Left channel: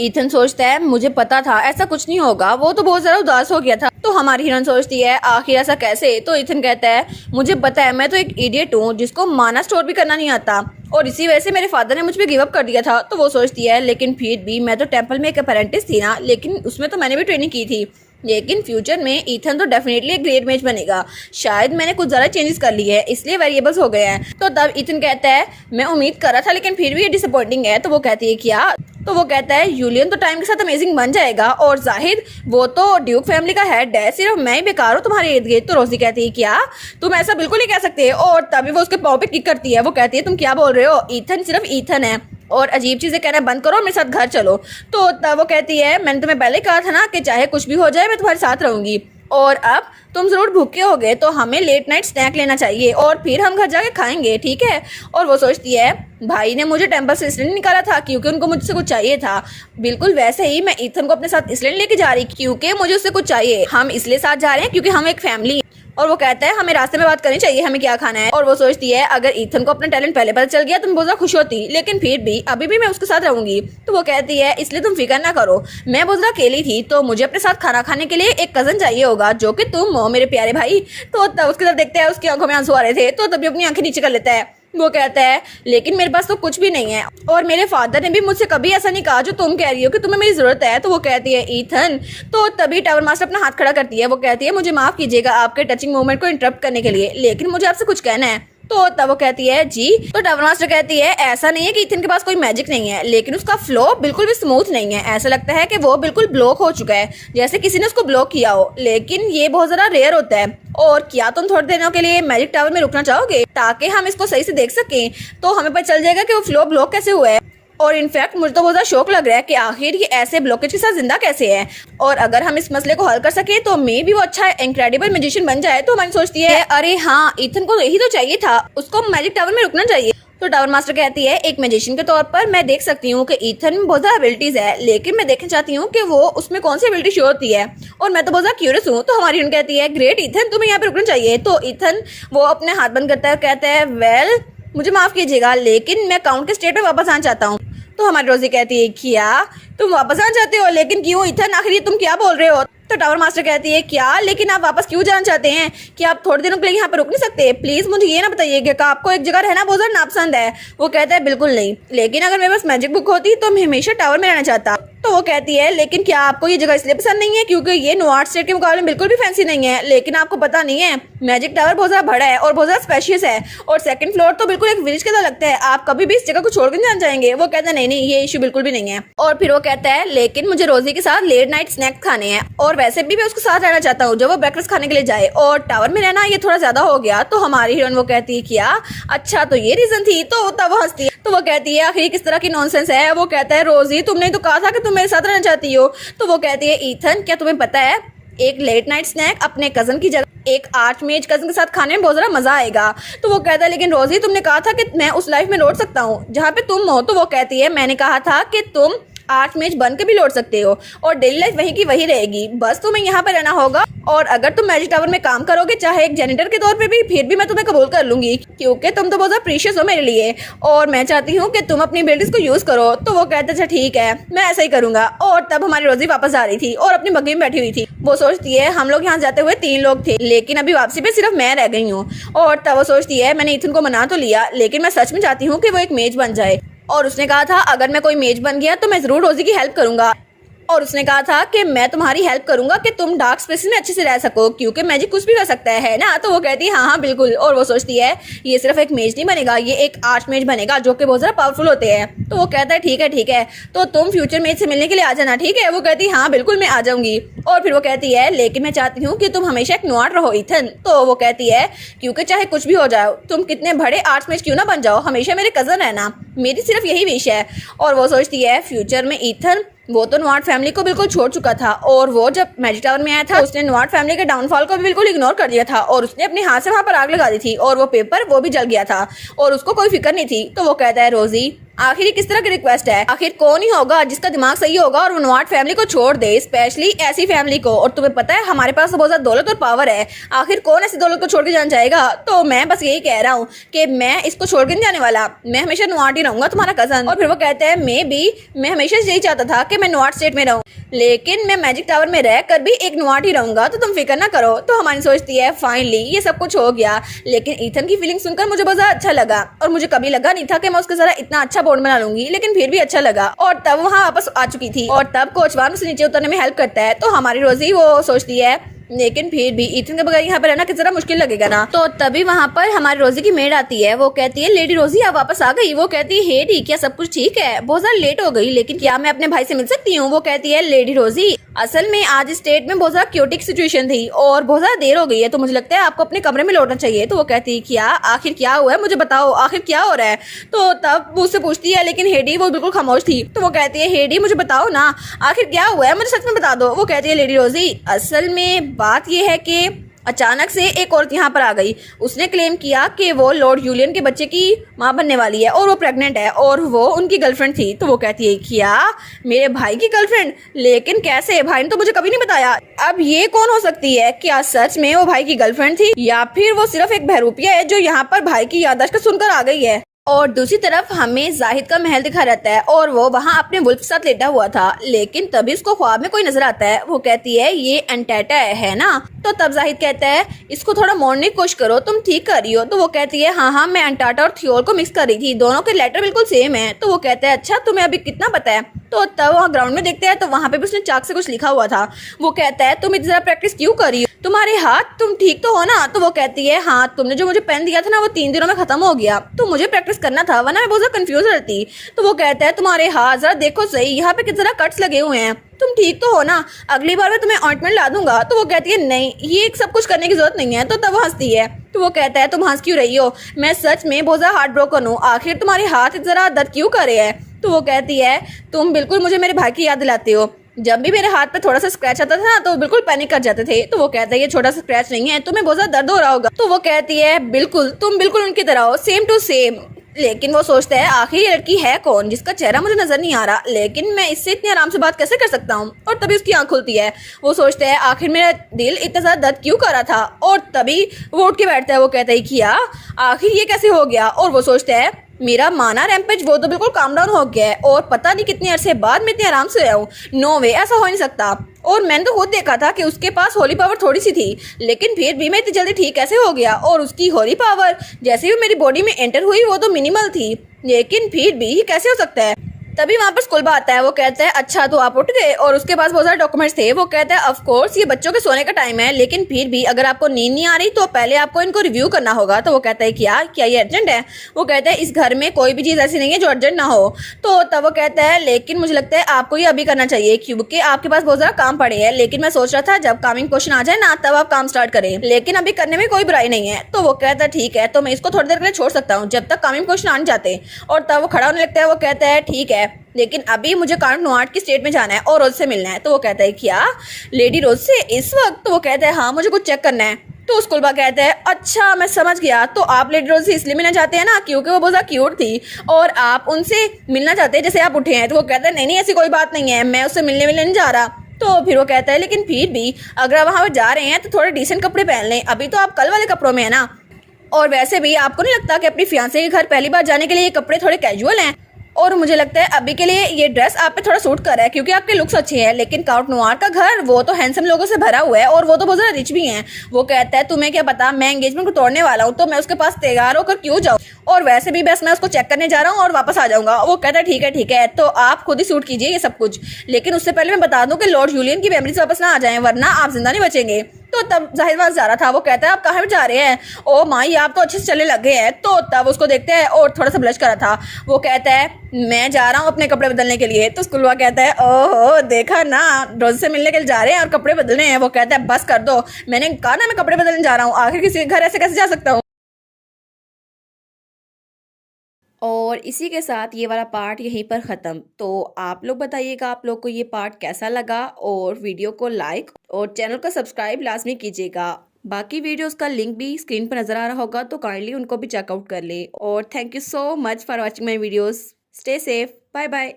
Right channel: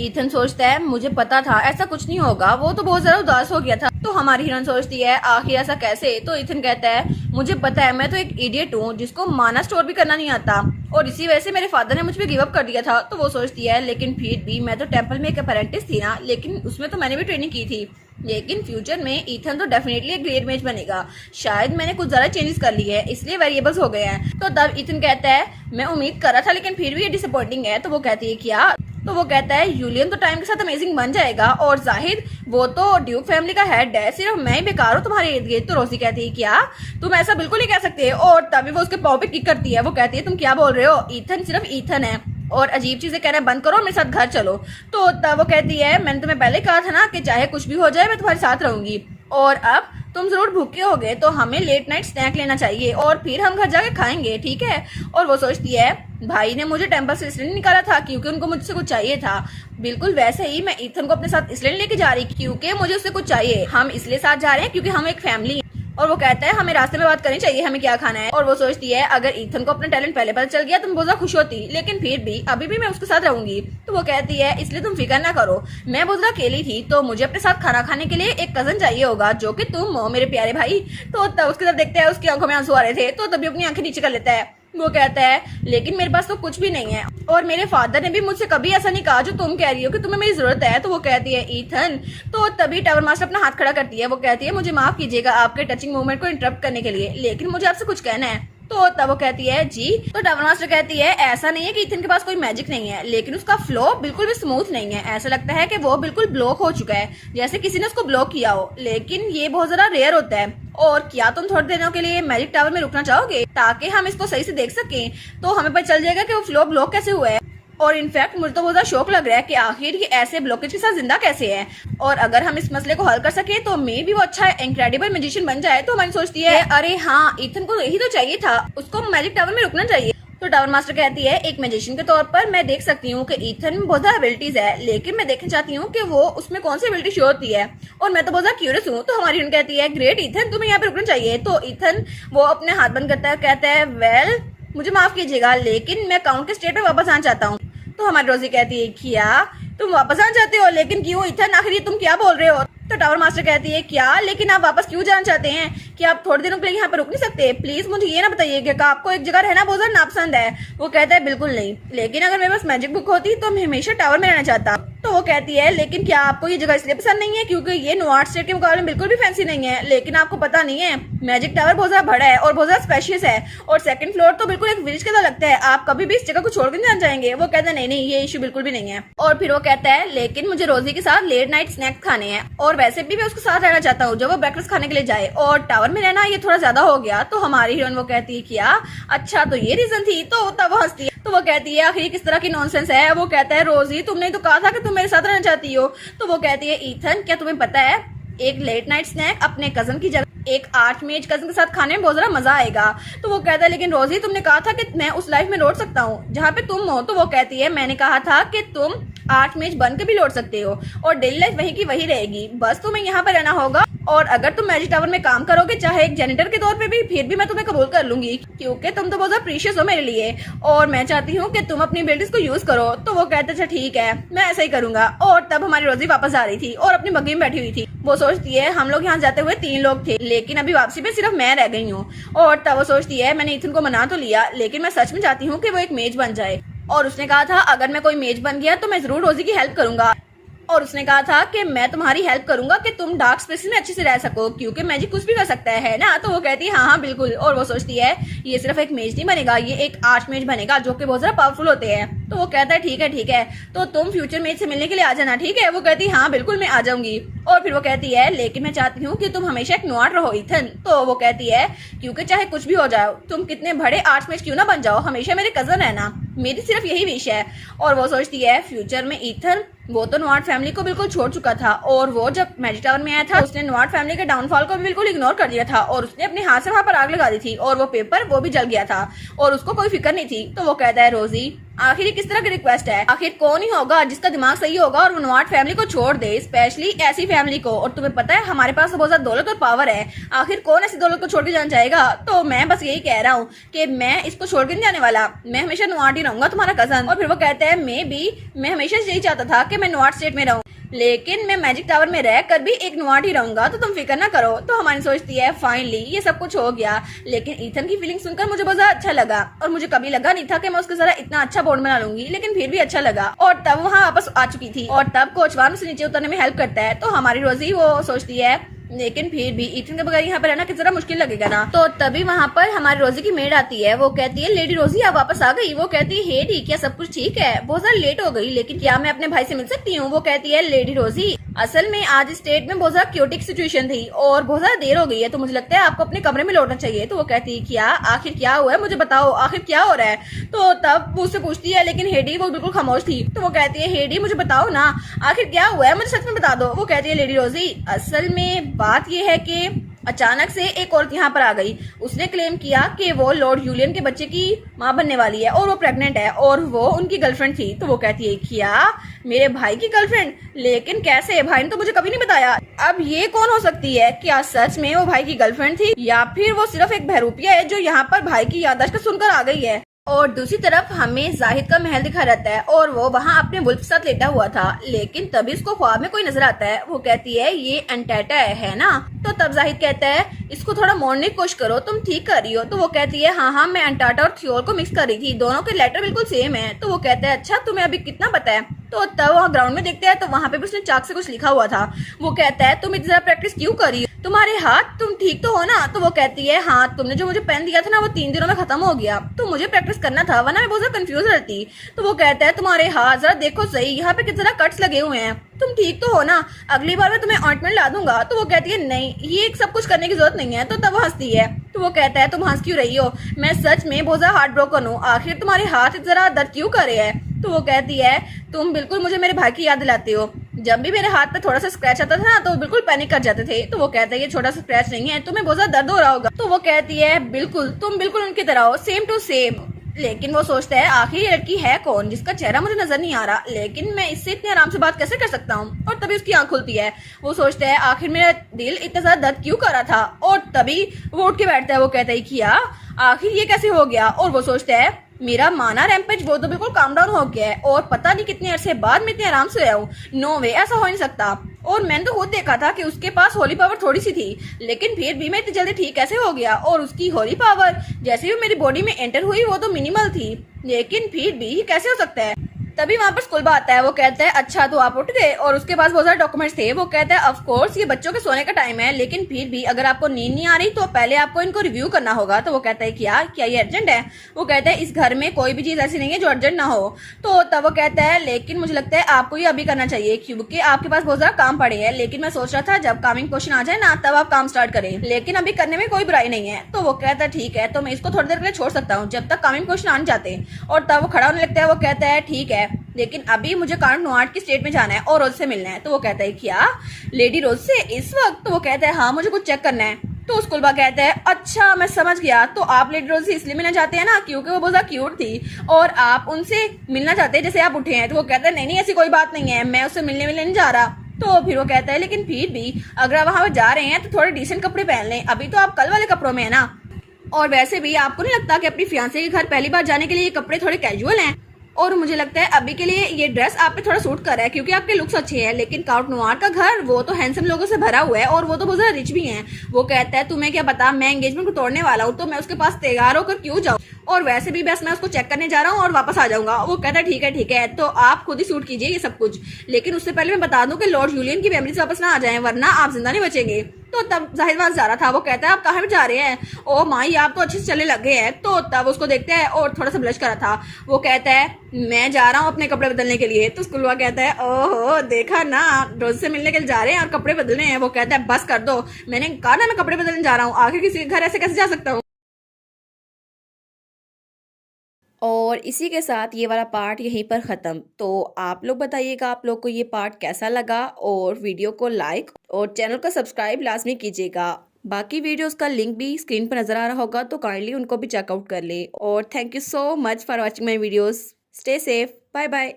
Ethan सोचता है मुझे पता था ऐसा कुछ नहीं होगा, वो तो बहुत ज्यादा उदास हो गया था। तो हमारी हीरोइन सोचती है आखिर ऐसा कैसे। तो ईथन कहता है मुझे पता है, मैं तो एक इडियट हूँ जिसको माना स्टोर भी करना नहीं आता, और इसी वजह से मेरे फादर ने मुझ पर गिव अप कर दिया था। तो वो सोचती है लेकिन फिर भी मैं तो टेम्पल में एक अप्रेंटिस थी ना, लेकिन उसमें तो मैंने भी ट्रेनिंग की थी, लेकिन फ्यूचर में ईथन तो डेफिनेटली एक ग्रेट मैच बनेगा। शायद मैंने कुछ ज्यादा चेंजेस कर लिए हैं इसलिए वेरिएबल्स हो गए हैं। तो तब ईथन कहता है मैं उम्मीद कर रहा था लेकिन फिर भी ये डिसअपॉइंटिंग है। तो वो कहती है क्या? तो वो कहता है यूलियन तो टाइम के साथ अमेजिंग बन जाएगा, और जाहिद वो तो ड्यूक फैमिली का हेड है, सिर्फ मैं ही बेकार हूँ तुम्हारे इर्द गिर्द। तो रोजी कहती है क्या तुम ऐसा बिल्कुल नहीं कह सकते, और तभी वो उसके पाँव पे किक करती है। वो कहती है तुम क्या बोल रहे हो, ईथन सिर्फ ईथन है, और अजीब चीजें कहना बंद करो, मेरे साथ घर चलो। तो तब वो कहती है मैंने तुम्हें पहले कहा था ना कि चाहे कुछ भी हो जाए मैं तुम्हारे साथ रहूंगी, और अब तुम जरूर भूखे हो गए तो हमें लेट नाइट स्नैक लेना चाहिए और फिर हम घर जाके खाएंगे, ठीक है। और वो सोचती है भाई ने मुझे टेम्पल से इसलिए निकाला था क्योंकि उनको मुझसे कुछ चाहिए था, बिल्कुल वैसे ही मैं ईथन को अपने साथ इसलिए लेके जा रही क्योंकि मुझे उससे कुछ चाहिए। हम इसलिए साथ जा रहे हैं क्योंकि हम एक फैमिली। और वो कहता है हमें रास्ते में बात करनी चाहिए हमें क्या खाना है। और वो सोचती है अगर ईथन को अपना टैलेंट पहले पता चल गया तो मैं बहुत ज्यादा खुश होती, लेकिन फिर भी अभी भी मैं उसके साथ रहूंगी। तो वो कहती है इसलिए तुम फिक्र ना करो, मैं बहुत ज्यादा अकेली थी तो मुझे अपने साथ खाना खाने के लिए एक कजन चाहिए होगा जो कि तुम हो मेरे प्यारे भाई। तो तब उसकी तरफ देखते हैं, उसकी आंखों में आंसू आ रहे थे, तो तभी अपनी आंखें नीचे कर लेता है। वो कहता है लेकिन मेरे पास तो कुछ भी नहीं है, और मेरे फादर ने भी मुझसे कभी ऐसा नहीं कहा जो तुम कह रही हो कि तुम्हें मेरी जरूरत है। तो वो कहती है ईथन। तो तभी टावर मास्टर अपना हाथ खड़ा करती है। वो कहती है मुझे माफ कीजिएगा आपके टचिंग मूवमेंट को इंटरप्ट करने के लिए, लेकिन मुझे आपसे कुछ कहना है। तो तब वो कहती है जी। तो टावर मास्टर कहती है ऐसा नहीं है कि ईथन के पास कोई मैजिक नहीं है, लेकिन उसका फ्लो बिल्कुल भी स्मूथ नहीं है, ऐसा लगता है कि वो बिल्कुल ब्लॉक हो चुका है, जैसे किसी ने उसको ब्लॉक किया हो, लेकिन ये बहुत ज्यादा रेयर होता है। और क्या तुम थोड़े दिनों के लिए मैजिक टावर में रुकना चाहोगे ताकि हम इसको सही से देख सकें, तो हमें पता चल जाएगा कि वो फ्लो ब्लॉक कैसे हुआ है। और इनफैक्ट मुझे तो बहुत ज्यादा शौक लग रहा है कि आखिर ये ऐसे ब्लॉकेज के साथ जिंदा कैसे है, और अगर हम इस मसले को हल कर सके तो मे भी वो अच्छा इनक्रेडिबल मैजिशियन बन जाए। तो हमारी सोचती है अरे हाँ ईथन को यही तो चाहिए था, उसको मैजिक टावर में रुकना चाहिए। तो टावर मास्टर कहती है एक मैजिशियन के तौर पर मैं देख सकती हूँ कि ईथन में बहुत ज्यादा एबिलिटीज है, लेकिन मैं देखना चाहती हूँ कि वो उसमें कौन सी एबिलिटी शो होती है, और मैं तो बहुत ज्यादा क्यूरियस हूँ। तो हमारी कहती है ग्रेट ईथन तुम्हें यहाँ पे रुकना चाहिए। तो ईथन वो अपने हाथ बंद करता है, कहता है वेल मुझे माफ कीजिएगा लेकिन मैं काउंट के स्टेट में वापस आना चाहता हूँ। तो हमारी रोजी कहती है क्या तुम वापस आना चाहते हो, लेकिन क्यों ईथन, आखिर तुम क्या बोल रहे हो। तो टावर मास्टर कहती है क्या लेकिन आप वापस क्यों जाना चाहते हैं, कि आप थोड़े दिनों के लिए यहाँ पे रुक नहीं सकते, प्लीज मुझे ये ना बताइए कि आपको एक जगह रहना बहुत ज्यादा नापसंद है। वो कहता है बिल्कुल नहीं, लेकिन अगर मेरे पास मैजिक बुक होती तो मैं हमेशा टावर में रहना चाहता। तो वो कहती है लेकिन क्या आपको ये जगह इसलिए पसंद नहीं है क्योंकि ये नॉर्थ स्टेट के मुकाबले में बिल्कुल भी फैंसी नहीं है, लेकिन आपको पता नहीं है मैजिक टावर बहुत ज्यादा बड़ा है और बहुत ज्यादा स्पेशियस है, और सेकंड फ्लोर तो बिल्कुल एक विलेज के तरह लगता है, आप कभी भी इस जगह को छोड़ के नहीं जाना चाहेंगे। वो कहता है नहीं नहीं ये इशू बिल्कुल भी नहीं है। और फिर वो कहता है लेकिन मुझे रोजी के साथ लेट नाइट स्नैक्स खाने हैं, और वैसे भी मैं उसके साथ रहना चाहता हूँ जब वो ब्रेकफास्ट खाने के लिए जाए, और टावर में रहना ये थोड़ा ज्यादा हो गया। तो हमारी हीरोइन वो कहती है क्या अच्छा तो ये रीजन थी। तो तब वो हंसती है। तो वो कहती है आखिर किस तरह की नॉनसेंस है। वो कहता है रोजी तुमने तो कहा था कि तुम मेरे साथ रहना चाहती हो। तो वो कहती है ईथन क्या तुम्हें पता है एक लेट नाइट स्नैक अपने कजन की जगह एक आर्चमेज कजन के साथ खाने में बहुत ज्यादा मजा आएगा। तो वो कहता है लेकिन रोजी तुमने कहा था कि मैं उस लाइफ में लौट सकता हूँ जहाँ पे तुम हो। तो वो कहती है मैंने कहा था कि तुम आर्चमेज बन के भी लौट सकते हो और डेली लाइफ वही की वही रहेगी, बस तुम्हें यहाँ पे रहना होगा, और अगर तुम मैजिक टावर में काम करोगे चाहे एक जेनिटर के तौर पे भी, फिर भी मैं तुम्हें कबूल कर लूंगी क्योंकि तुम तो बहुत ज्यादा प्रीशियस हो मेरे लिए, और मैं चाहती हूँ कि तुम अपनी एबिलिटीज को यूज करो। तो वो कहते अच्छा ठीक है मैं ऐसा ही करूंगा। और तब हमारी रोजी वापस आ रही थी और अपनी बग्गी में बैठी हुई थी। वो सोचती है हम लोग यहाँ जाते हुए 3 लोग थे, लेकिन अभी वापसी पे सिर्फ मैं रह गई हूँ। और तब वो सोचती है मैंने ईथन को मना तो लिया, लेकिन मैं सच में चाहती हूँ कि वो एक मेज बन जाए, और उसने कहा था अगर मैं कोई मेज बन गया तो मैं जरूर रोजी की हेल्प करूंगा, और उसने कहा था कि मैं तुम्हारी हेल्प करूंगा कि तुम डार्क स्पेसेस में अच्छे से रह सको क्योंकि मैजिक कुछ भी कर सकता है ना। तो वो कहती है हाँ हाँ बिल्कुल। और वो सोचती है ये सिर्फ एक मेज नहीं बनेगा, ये एक आर्च मेज बनेगा जो कि बहुत ज्यादा पावरफुल होते हैं। तो वो कहता है ठीक है तो तुम फ्यूचर मेज से मिलने के लिए आ जाना, ठीक है। वो कहती है हाँ बिल्कुल मैं आ जाऊंगी। और फिर वो कहती है लेकिन मैं चाहती हूँ कि तुम हमेशा एक नॉट रहो ईथन। तो वो कहती है क्योंकि चाहे कुछ भी हो जाओ, तुम कितने बड़े आर्ट्स मेज क्यों ना बन जाओ, हमेशा मेरे कजन रहना, मेरी सिर्फ यही विश है। और वो सोचती है फ्यूचर में ईथन वो तो नॉट फैमिली को बिल्कुल छोड़ चुका था, और वो जब मैजिक टावर में आया था उसने नॉट फैमिली के डाउनफॉल को भी बिल्कुल इग्नोर कर दिया था, और उसने अपने हाथ से वहां पर आग लगा दी थी, और वो पेपर वो भी जल गया था और उसको कोई फिक्र नहीं थी। तो वो कहता है रोजी आखिर किस तरह की रिक्वेस्ट है, आखिर कौन ही होगा जिसका दिमाग सही होगा और वो नॉट फैमिली को छोड़ दे, स्पेशली ऐसी फैमिली को, और तुम्हें पता है हमारे पास तो बहुत ज्यादा दौलत और पावर है, आखिर कौन ऐसी दौलत को छोड़ के जाना चाहेगा। तो मैं बस यही कह रहा हूँ कि मैं इसको छोड़ के नहीं जाने वाला, मैं हमेशा नॉट ही रहूंगा तुम्हारा कजन। और फिर वो कहते हैं मैं हमेशा यही चाहता था कि मैं नॉर्थ स्टेट में रहूँ, लेकिन मैं मैजिक टावर में रह कर भी एक नॉर्थ ही रहूंगा, तो तुम फिक्र ना करो। तो हमारी सोचती है फाइनली ये सब कुछ हो गया। लेकिन ईथन की फीलिंग सुनकर मुझे बहुत ज्यादा अच्छा लगा, और मुझे कभी लगा नहीं था कि मैं उसके साथ इतना अच्छा बॉन्ड बना लूंगी, लेकिन फिर भी अच्छा लगा। और तब वहाँ वापस आ चुकी थी, और तब कोच वान उसे नीचे उतरने में हेल्प करता है। तो हमारी रोजी वो सोचती है लेकिन फिर भी ईथन के बगैर यहाँ पर रहना कितना मुश्किल लगेगा ना। तो तभी वहाँ पर हमारी रोजी की मेड आती है। वो कहती है लेडी रोजी आप वापस आ गई। वो कहती है हे डी क्या सब कुछ ठीक है, बहुत ज्यादा लेट हो गई, लेकिन क्या मैं अपने भाई से मिल सकती हूँ। वो कहती है लेडी रोजी असल में आज स्टेट में बहुत ज्यादा क्योटिक सिचुएशन थी और बहुत ज्यादा देर हो गई है, तो मुझे लगता है आपको अपने कमरे में लौटना चाहिए। तो वो कहती है क्या आखिर क्या हुआ है, मुझे बताओ आखिर क्या हो रहा है। तो तब वो उससे पूछती है, लेकिन हेडी वो बिल्कुल खामोश थी। तो वो कहती है हेडी मुझे बताओ ना आखिर क्या हुआ है, मुझे सच में बता दो। वो कहती है लेडी रोजी असल में बात ये है कि अचानक से एक औरत यहाँ पर आ गई। उसने क्लेम किया कि वो लॉर्ड यूलियन के बच्चे की माँ बनने वाली है और वो प्रेग्नेंट है, और वो उनकी गर्लफ्रेंड थी। तो वो कहती है क्या मेरे भाई की गर्लफ्रेंड, लेकिन कैसे, भाई ने तो मुझे कभी नहीं बताया। अब ये कौन हो सकती है, क्या सच में वो भाई की गर्लफ्रेंड थी या फिर वो सिर्फ एक बहरूपिया है जो यहाँ पर भाई की याददाश्त को सुनकर आ गई है। और दूसरी तरफ हमें जाहिद का महल दिखा रहता है और वो वहाँ अपने वुल्फ के साथ लेटा हुआ था, लेकिन तभी उसको ख्वाब में कोई नजर आता है। वो कहती है ये एंटाटा है ना। तो तब जाहिद कहता है इसको थोड़ा मोड़ने की कोशिश करो, तुम ठीक कर रही हो। तो वो कहती है हाँ मैं एंटाटा और थियोर को मिक्स कर रही थी, दोनों के लेटर बिल्कुल सेम है। तो वो कहता है अच्छा तुम्हें अभी कितना पता है। तो तब वहाँ ग्राउंड में देखते हैं तो वहाँ पे भी उसने चाक से कुछ लिखा हुआ था। वो कहता है तुम इतनी ज्यादा प्रैक्टिस क्यों कर रही हो, तुम्हारे हाथ, तुम ठीक तो हो ना। तो वो कहती है हाँ तुमने जो मुझे पेन दिया था ना वो 3 दिनों में खत्म हो गया, तो मुझे प्रैक्टिस करना था वरना मैं बहुत ज्यादा कंफ्यूज रहती। तो वो कहता है तुम्हारे हाथ जरा देखो सही, यहाँ पे कितना कट्स लगे हुए हैं, तुम ठीक तो हो ना, अगली बार मैं तुम्हें ऑइंटमेंट ला दूंगा। तो वो कहती है नहीं ये सब कुछ करने की जरूरत नहीं है। तो तब वो हंसती है। तो वो कहता है तुम हंस क्यों रही हो, मैं सच में बहुत ज्यादा हार्ट ब्रोकन हूँ, आखिर तुम्हारे हाथ जरा दर्द क्यों कर रहे हैं। तो वो कहती है तुम बिल्कुल मुझे मेरे भाई की याद दिलाते हो, जब भी मेरे हाथ पे थोड़ा सा स्क्रैच आता था ना तो बिल्कुल पैनिक कर जाते थे। तो वो कहता है ये छोटा सा स्क्रैच नहीं है, तुम्हें बहुत ज्यादा दर्द हो रहा होगा। तो वो कहती है बिल्कुल तुम बिल्कुल उनकी तरह हो, सेम टू सेम। लेकिन वो सोचता है आखिर ये लड़की है कौन जिसका चेहरा मुझे नजर नहीं आ रहा, लेकिन मैं इससे इतनी आराम से बात कैसे कर सकता हूँ। और तभी उसकी आंख खुलती है। वो सोचता है आखिर मेरा दिल इतना ज्यादा दर्द क्यों कर रहा था, और तभी वो उठ के बैठता है। वो कहता है किया आखिर ये कैसे हो गया। और वो सोचता है मेरा माना रैम्पेज वो तो बिल्कुल काम डाउन हो गया है, और पता नहीं कितने अरसे बाद मैं इतने आराम से आया हूँ। नो वे, ऐसा हो नहीं सकता। और मैंने तो खुद देखा था कि उसके पास होली पावर थोड़ी सी थी, लेकिन फिर भी मैं इतनी जल्दी ठीक कैसे हो गया। और उसकी होली पावर जैसे भी मेरी बॉडी में एंटर हुई वो तो मिनिमल थी, लेकिन फिर भी कैसे हो सकता है। तभी वहाँ पर स्कूल आता है। वो कहता है अच्छा तो आप उठ गए, और उसके पास बहुत सारे डॉक्यूमेंट्स थे। वो कहता है ऑफ कोर्स ये बच्चों के सोने का टाइम है, लेकिन फिर भी अगर आपको नींद नहीं आ रही तो पहले आपको इनको रिव्यू करना होगा। तो वो कहता है क्या ये अर्जेंट है। वो कहता है इस घर में कोई भी चीज ऐसी नहीं है जो अर्जेंट ना हो। तो तब वो कहता है लेकिन मुझे लगता है आपको ये अभी करना चाहिए क्योंकि आपके पास बहुत ज्यादा काम पड़े हैं, लेकिन मैं सोच रहा था जब कामिंग क्वेश्चन आ जाए ना तब आप काम स्टार्ट करें, लेकिन अभी करने में कोई बुराई नहीं है। तो वो कहता है ठीक है तो मैं इसको थोड़ी देर के लिए छोड़ सकता हूँ जब तक कामिंग क्वेश्चन आने जाते। और तब वो खड़ा होने लगता है। वो कहता है ठीक है लेकिन अभी मुझे कांट नोआर्ट की स्टेट में जाना है और रोज से मिलना है। तो वो कहता है क्या लेडी रोज से इस वक्त। तो वो कहता है हाँ मुझे कुछ चेक करना है। तो स्कूल बा कहता है अच्छा मैं समझ गया, तो आप लेडी रोज से इसलिए मिलना चाहते हैं ना क्योंकि वो बहुत ज्यादा क्यूट थी और आप उनसे मिलना चाहते हैं जैसे आप उठे हैं। तो वो कहता है नहीं ऐसी कोई बात नहीं है, मैं उससे मिलने नहीं जा रहा। तो फिर वो कहता है लेकिन फिर भी अगर आप वहां पर जा रहे हैं तो थोड़े डिसेंट कपड़े पहन लें, अभी तो आप कल वाले कपड़ों में है ना। और वैसे भी आपको नहीं लगता कि अपनी फियांसे के घर पहली बार जाने के लिए ये कपड़े थोड़े कैजुअल हैं। और मुझे लगता है अभी के लिए ये ड्रेस आप पे थोड़ा सूट कर रहा है क्योंकि आपके लुक्स अच्छे हैं, लेकिन काउंट नोआर का घर वो तो हैंडसम लोगों से भरा हुआ है और वो तो बहुत ज्यादा रिच भी हैं। वो कहता है तुम्हें क्या पता, मैं एंगेजमेंट को तोड़ने वाला हूँ तो मैं उसके पास तैयार होकर क्यों जाऊँ, और वैसे भी बस मैं उसको चेक करने जा रहा हूँ और वापस आ जाऊंगा। वो कहता है ठीक है तो आप खुद ही सूट कीजिए ये सब कुछ, लेकिन उससे पहले मैं बता दूं कि लॉर्ड यूलियन की मेमोरीज वापस ना आ जाए वरना आप जिंदा नहीं बचेंगे। तो तब जाहिद वहां जा रहा था। वो कहता है आप कहाँ जा रहे हैं, ओ माई आप तो अच्छे से चलने लगे हैं। तो तब उसको देखते हैं और थोड़ा सा ब्लश करा था। वो कहता है मैं जा रहा हूँ अपने कपड़े बदलने के लिए। तो स्कूल वाला कहता है ओहो देखा ना, रोज से मिलने के लिए जा रहे हैं और कपड़े बदलने हैं। वो कहता है बस कर दो, मैंने कहा ना मैं कपड़े बदलने जा रहा हूँ, आखिर किसी के घर ऐसे कैसे जा सकता हूँ। और इसी के साथ ये वाला पार्ट यहीं पर ख़त्म। तो आप लोग बताइएगा आप लोग को ये पार्ट कैसा लगा, और वीडियो को लाइक और चैनल को सब्सक्राइब लाजमी कीजिएगा। बाकी वीडियोस का लिंक भी स्क्रीन पर नज़र आ रहा होगा तो काइंडली उनको भी चेकआउट कर लें। और thank you so much for watching my videos. Stay safe, bye bye.